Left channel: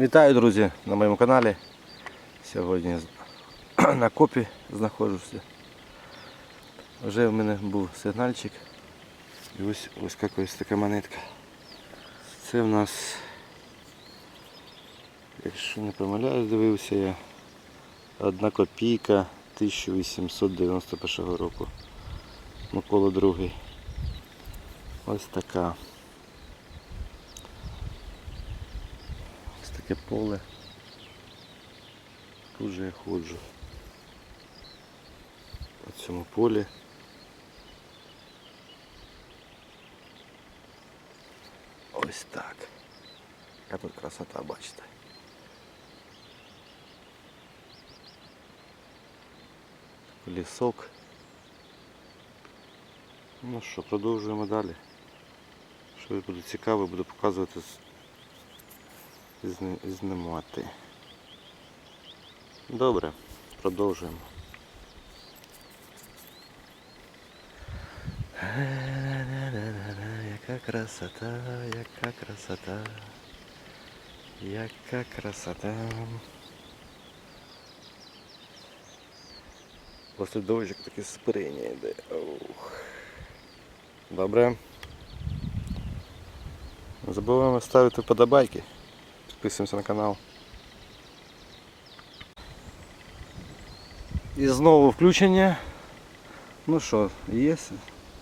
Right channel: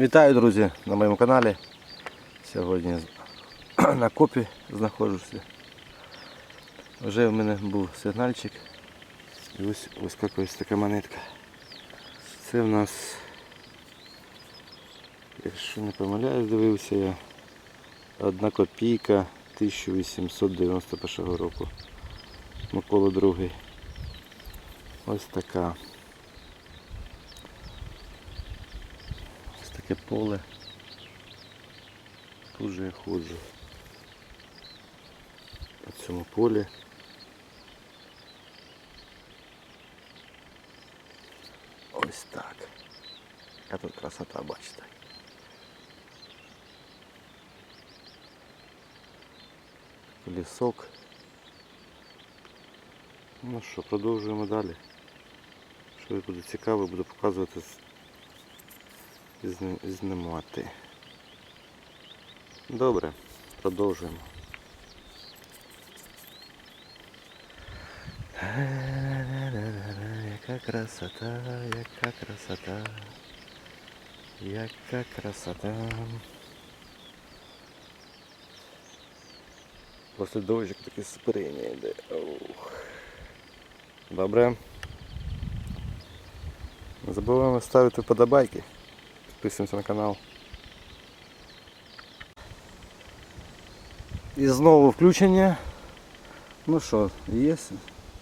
Вітаю, друзі, на моєму каналі. Сьогодні на копі знаходжуся. Вже в мене був сигнальчик. І ось ось якась така монетка. Це в нас, якщо не помиляюсь, дивився я. Одна копійка 1891 року. Микола другий. Ось така. таке поле. Тут же я ходжу. По цьому полі. Ось так. Яка тут красота, бачите. Такий лісок. Ну що, продовжуємо далі. Що буде цікаво, буду показувати з- і зни- і знімати. Добре, продовжуємо. Яка красота, яка красота, яка красота. Просто дощик таке спирення йде. Ух. Добре. Не забуваємо ставити вподобайки. Підписуємося на канал. І знову включення. Ну що, є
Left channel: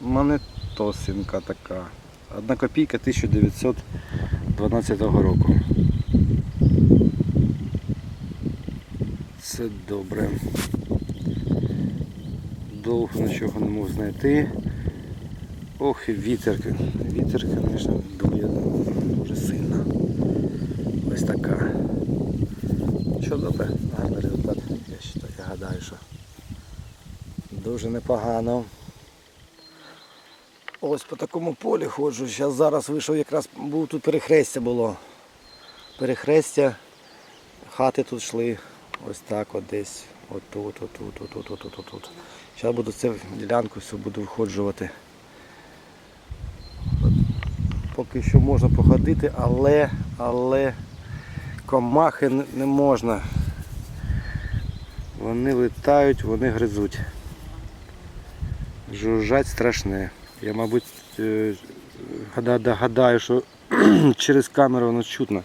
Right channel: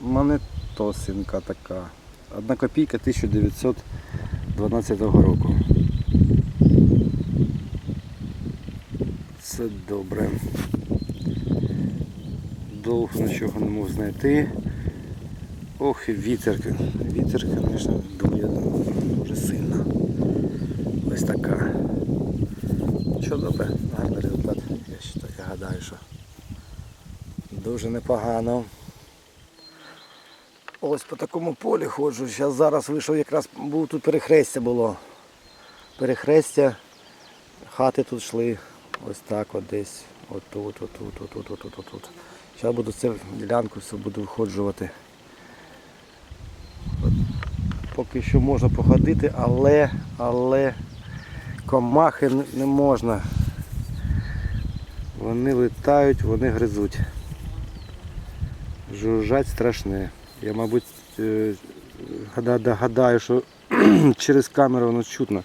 монетосинка така. Одна копійка 1912 року. Це добре. Довго нічого не можу знайти. Ох, вітер. Вітер, звісно, дує дуже сильно. Ось така. Що добре, гарний результат. Я вважаю, я гадаю, що дуже непогано. Ось по такому полі ходжу. Зараз зараз вийшов якраз був тут перехрестя було. Перехрестя. Хати тут йшли. Ось так от десь. Отут, отут, отут, отут, отут. Зараз буду цю ділянку всю буду виходжувати. От, поки що можна походити, але, але комахи не, можна. Вони летають, вони гризуть. Жужжать страшне. Я, мабуть, е, догадаю, що через камеру воно чутно.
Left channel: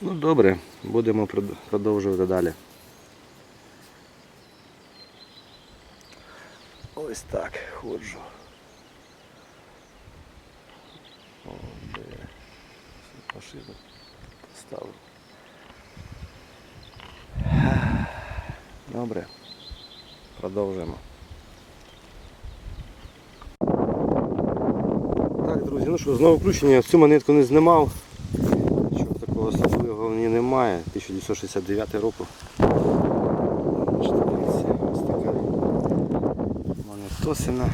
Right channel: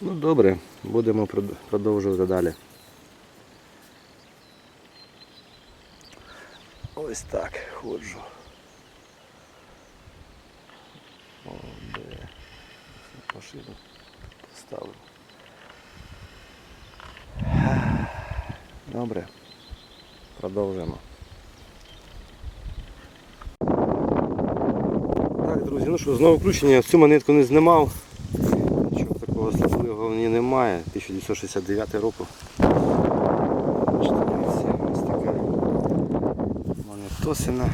Ну добре, будемо продовжувати далі. Ось так ходжу. О, де машину поставив. Добре. Продовжуємо. Так, друзі, ну що, знову включення. Цю монетку не знімав. Нічого такого особливого в ній немає. 1969 року. Ось така монетосина.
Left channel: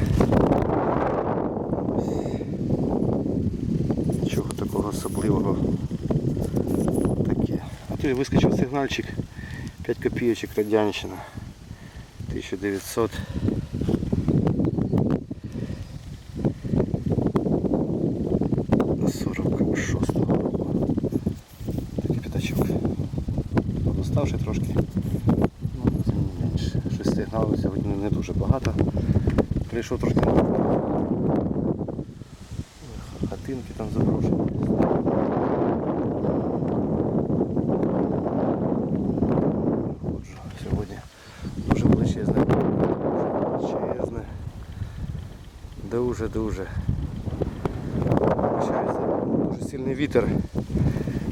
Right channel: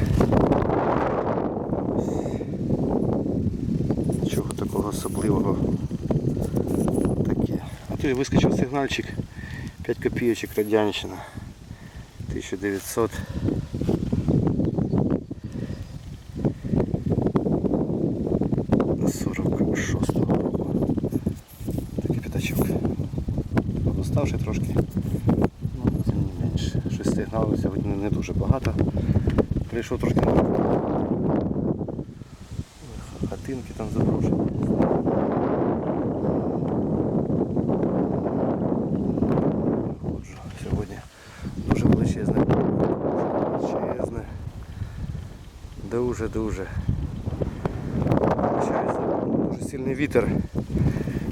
Нічого такого особливого. А вискочив сигнальчик 5 копійочок радянщина. 1900. 46-го року. Такий п'ятачок. Подоставши трошки. Ну, тим менше. Щось сигналу сьогодні не дуже багато. Прийшов трошки на хатинки там заброшені. Ходжу сьогодні дуже величезне. Величезне. Дуже-дуже. Дуже сильний вітер.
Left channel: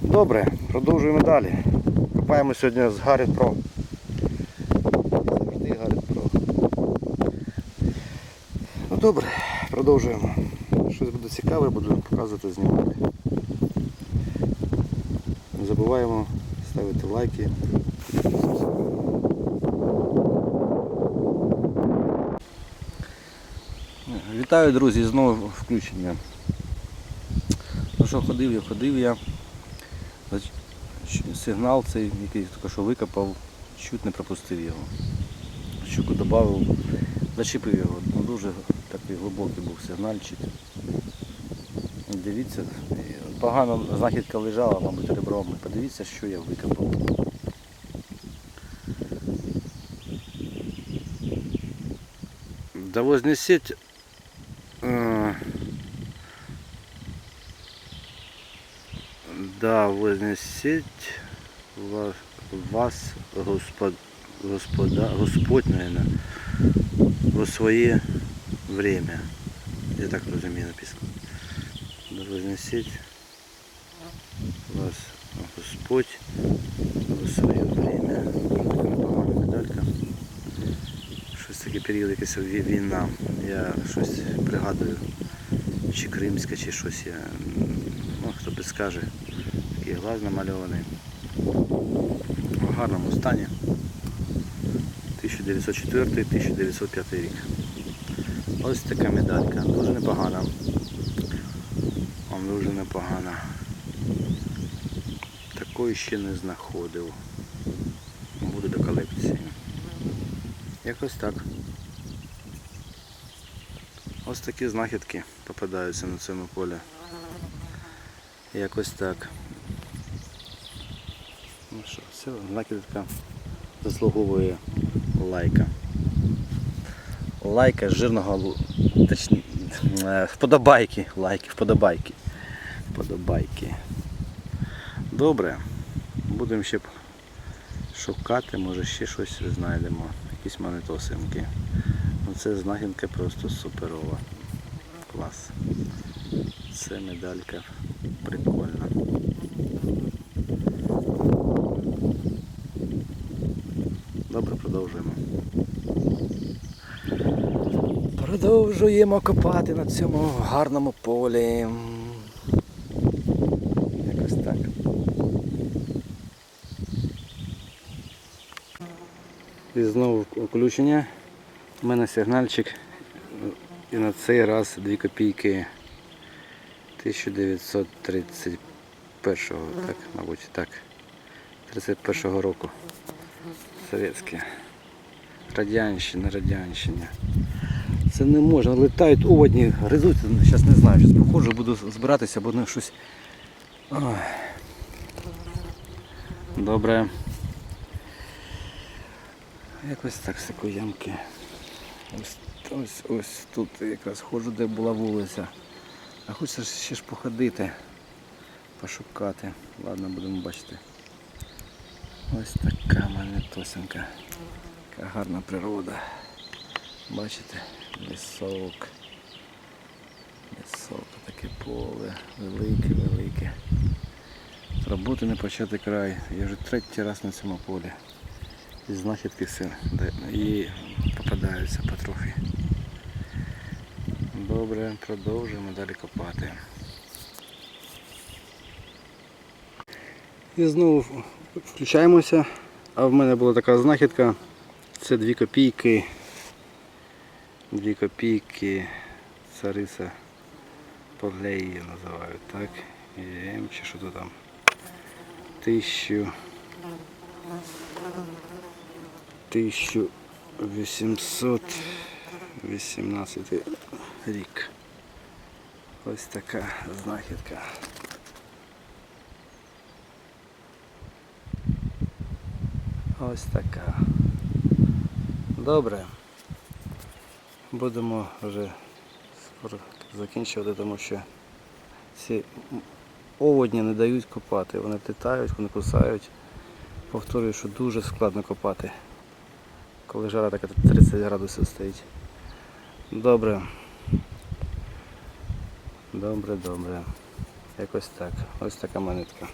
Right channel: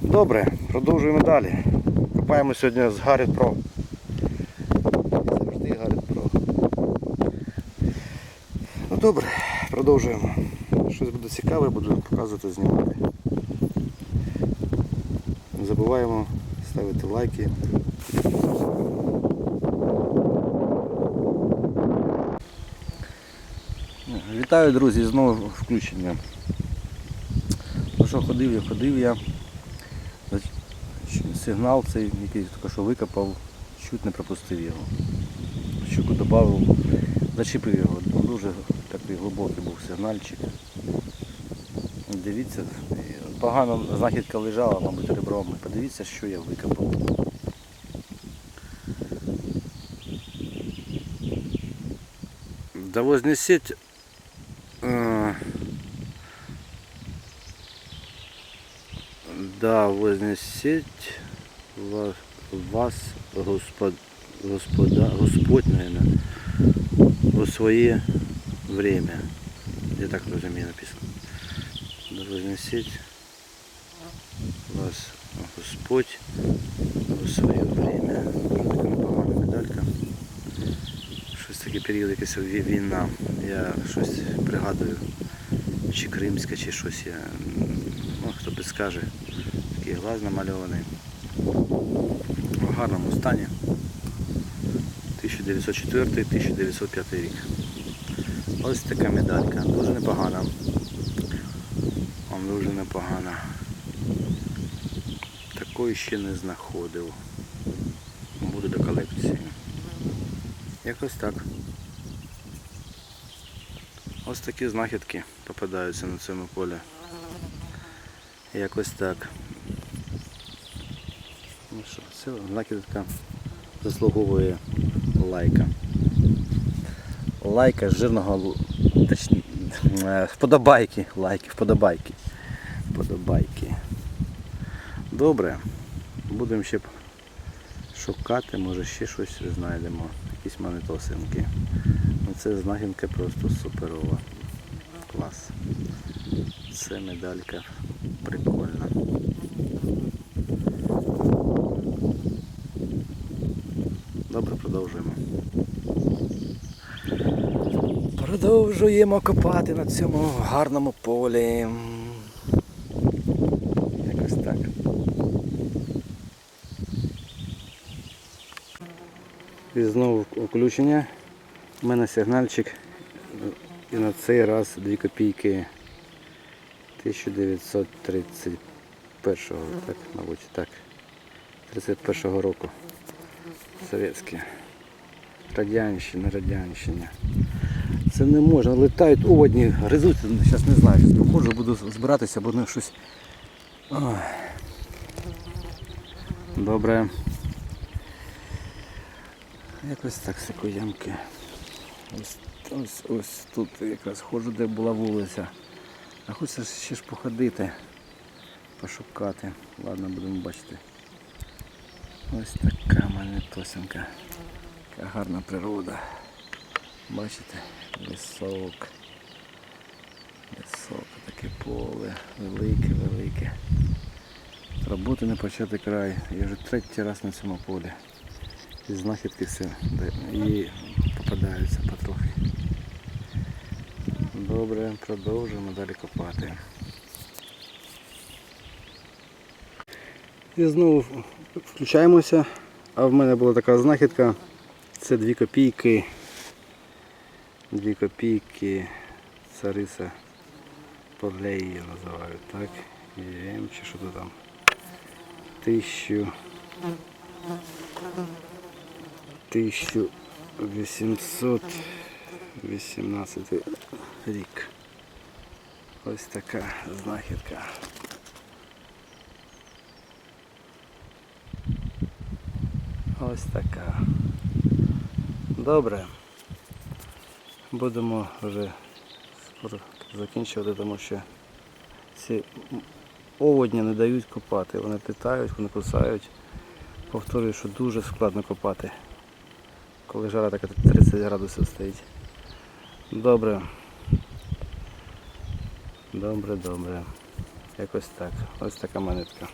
Добре, продовжуємо далі. Копаємо сьогодні з Гаррі Pro. Завжди Гаррі Pro. Ну добре, продовжуємо. Щось буде цікаве, буду показувати, знімати. Не забуваємо ставити лайки. Вітаю, друзі, знову включення. Ну що, ходив я, ходив я. Сигнал цей, який тільки що викопав, чуть не пропустив його. Щуку додав, зачепив його. Ну, Дуже такий глибокий був сигнальчик. Дивіться, от знахідка лежала, мабуть, ребром. Подивіться, що я викопав. Да вознесіть да вознесіть вас, вас Господ, Господа, Господь, наверное, у своє время. Я так розумію написано. Да вознесіть вас Господь у своє время. Медалька. Щось таке період якась війна. Я щось пригадую. Чи кримська, чи щось я. Ну, хто би скаже. Такий глаз намальований. В гарному стані. 1904-1905 рік. Ось така медалька. Дуже непогана. Дуже непогана. Такої ще не знаходив. Буде до колекції. Якось так. Ось такі знахідки попадаються на цьому полі. Якось так. Це знахідка заслуговує лайка. Лайка жирного точні, е, вподобайки. Лайки, вподобайки. Вподобайки. Добре. Будемо ще шукати, може ще щось знайдемо. Якісь монетосинки. Ну це знахідка просто суперова. Клас. Це медалька прикольна. Добре, продовжуємо. Продовжуємо копати на цьому гарному полі. Якось так. І знову включення. У мене сигнальчик. І на цей раз 2 копійки 1931 так, мабуть, так. 31 року. Совєтське. Радянщина, радянщина. Це не можна. Летають оводні, гризуть. Зараз не знаю, зараз походжу, буду збиратися, бо ну щось. Ой. Добре. Якось так сикоямки. Ось, ось, ось тут якраз ходжу, де була вулиця. А хочеться ще ж походити, пошукати. Ладно, будемо бачити. Ось така монетосинка. Яка гарна природа. Бачите, лісок. Лісок, таке поле, велике, велике. З роботи не почати край. Я вже третій раз на цьому полі. І знахідки все і попадаються потрохи. Добре, продовжуємо далі копати. І знову включаємося. А в мене була така знахідка. Це 2 копійки. 2 копійки цариса Полеї її називають, так? Єм чи що то там. Тисячу. 1818 рік. Ось така знахідка. Ось така. Добре. Будемо вже скоро закінчувати, тому що ці оводні не дають копати. Вони літають, вони кусають. Повторюю, що дуже складно копати, коли жара така 30 градусів стоїть. Добре. Добре, добре. Якось так. Ось така монетка.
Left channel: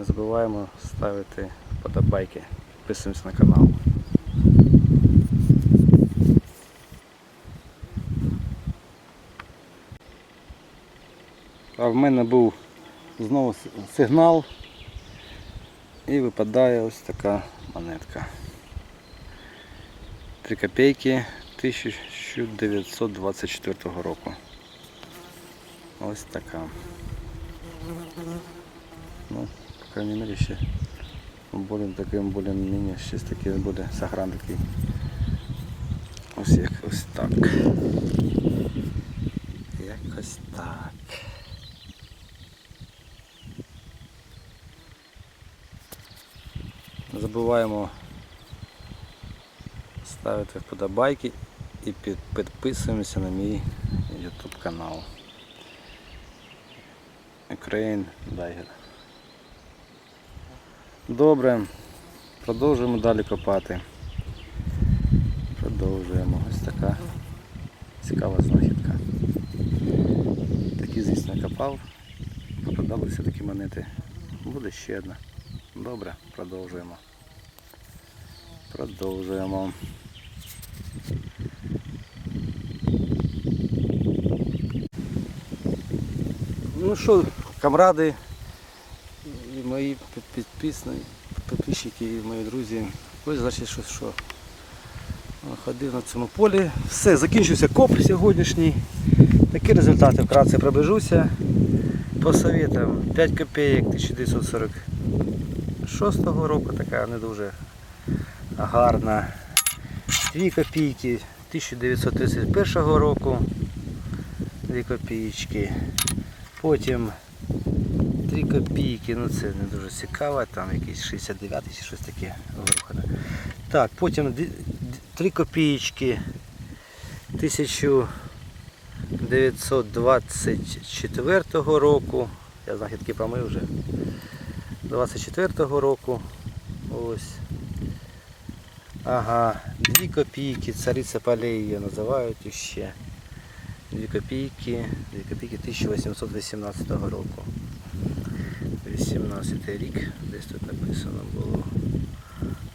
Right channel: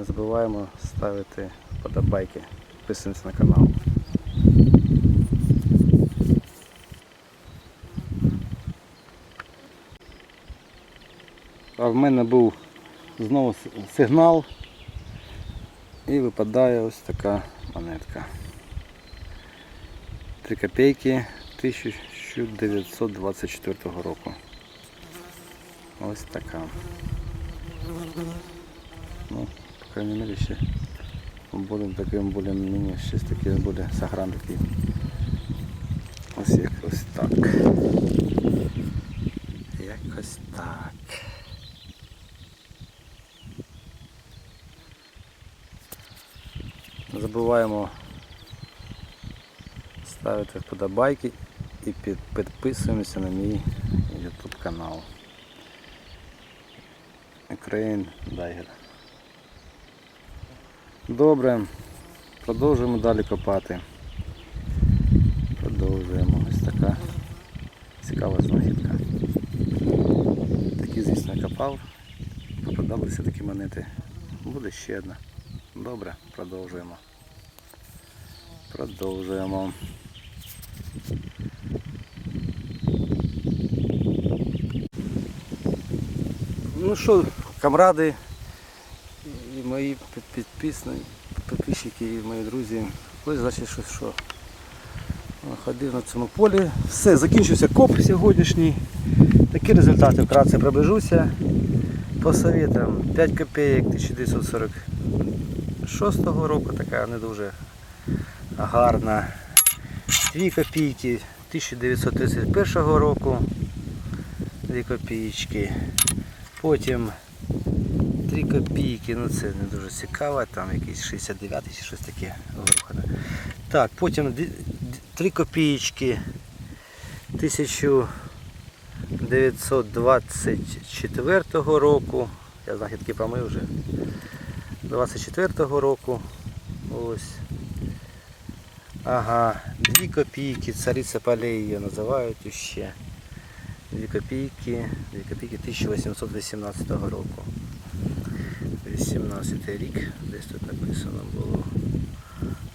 Не забуваємо ставити вподобайки. Підписуємося на канал. А в мене був знову сигнал і випадає ось така монетка. 3 копійки 1924 року. Ось така. Ну, по крайней мере, ще Будемо таким більш-менш щось таке буде сагран такий. Ось як ось так. Якось так. Не забуваємо ставити вподобайки і під, підписуємося на мій YouTube канал. Ukraine Dagger. Добре, продовжуємо далі копати. Продовжуємо. Ось така цікава знахідка. Такі, звісно, копав. Попадалися такі монети. Буде ще одна. Добре, продовжуємо. Продовжуємо. Ну що, камради мої підписники, підписчики і мої друзі. Ось значить, що, що ходив на цьому полі. Все, закінчився коп сьогоднішній. Такі результати вкратце приближуся. По советам 5 копійок 1946 року, така не дуже гарна. 2 копійки 1931 року. 2 копійки. Потім 3 копійки, ну це не дуже цікаво, там якийсь 69 чи щось таке вирухане. Так, потім 3 копійки 1924 року. Я знахідки помив вже. 24-го року. Ось. Ага, 2 копійки, цариця полей її називають ще. 2 копійки, 2 копійки 1818 року. 18 рік, десь тут написано було.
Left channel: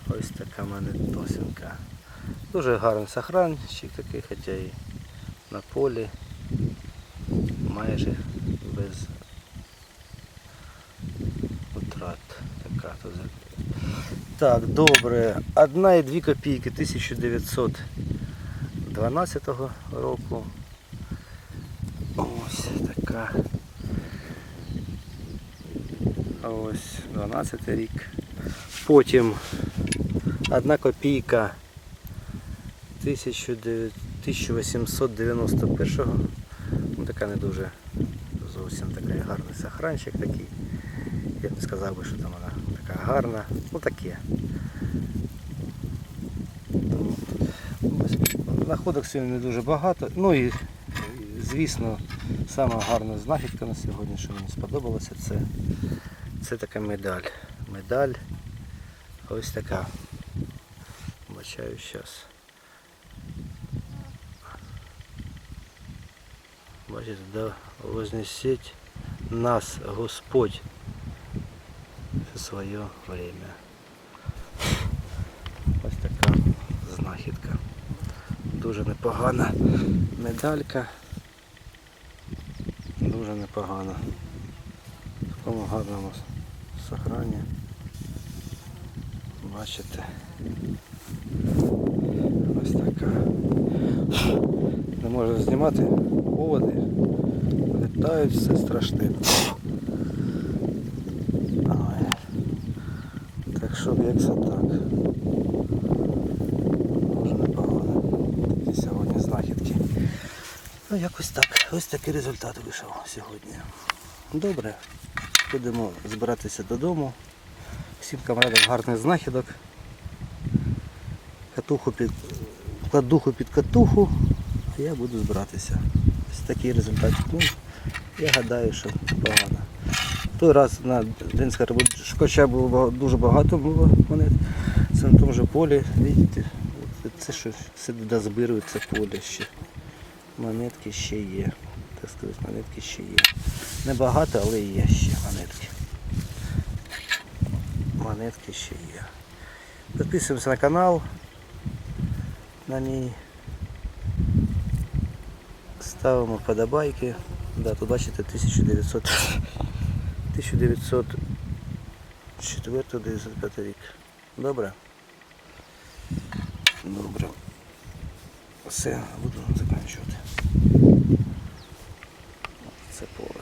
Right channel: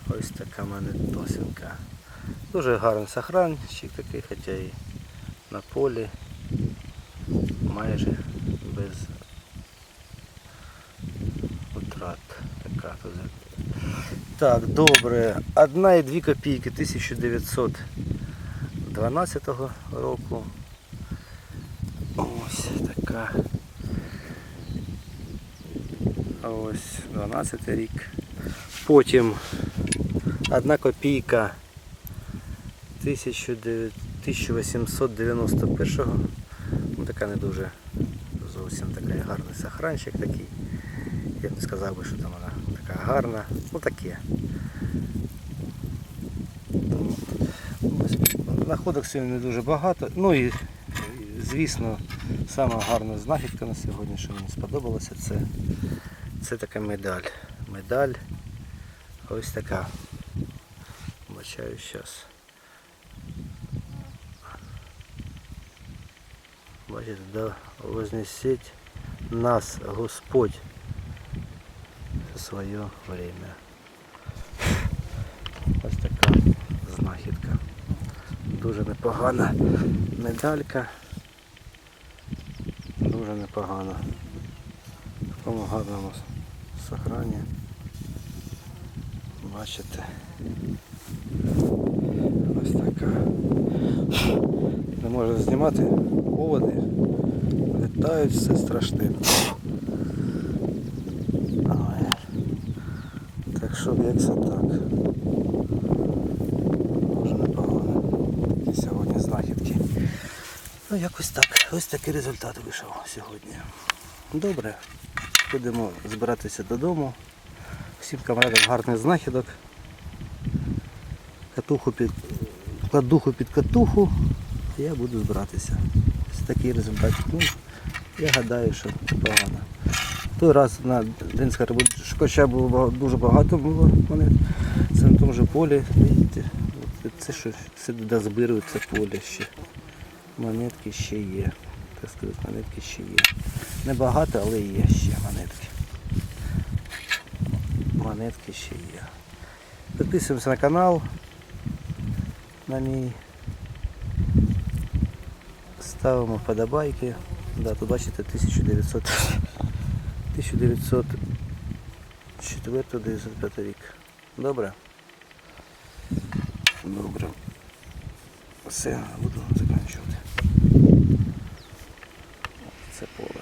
Ось така мене монетосинка. Дуже гарний сохранчик такий, хоча і на полі майже без утрат. Така тут. Так, добре. Одна і дві копійки 1912 року. Ось така. Ось 12 рік. Потім одна копійка 1900 1891 ну, така не дуже зовсім такий гарний сохранчик такий. Я б не сказав би, що там вона така гарна. Ну таке. Находок сьогодні не дуже багато. Ну і звісно, сама гарна знахідка на сьогодні, що мені сподобалося, це, це така медаль. Медаль ось така. Бачаю зараз. Бачите, да вознесеть нас Господь в своє время. Ось така знахідка. Дуже непогана медалька. Дуже непогана. В такому гарному сохрані. Бачите. Ось така. Не можу знімати поводи. Літають все страшне. Так що як так. Дуже непогано. Такі сьогодні знахідки. Ну якось так. Ось такий результат вийшов сьогодні. Добре. Будемо збиратися додому. Всім камрадам гарних знахідок. Катуху під кладуху під катуху, а я буду збиратися. Ось такий результат. Ну, я гадаю, що непогано. Той раз на День Скарбучкача було дуже багато було монет. Це на тому же полі, бачите, це що все дозбирую, поле ще. Монетки ще є. Так сказати, монетки ще є. Небагато, але є ще монетки. Монетки ще є. Підписуємося на канал. На мій. Ставимо вподобайки. Да, тут бачите 1900 1904-95 рік. Добре? Добре. Все, буду закінчувати. Це поле.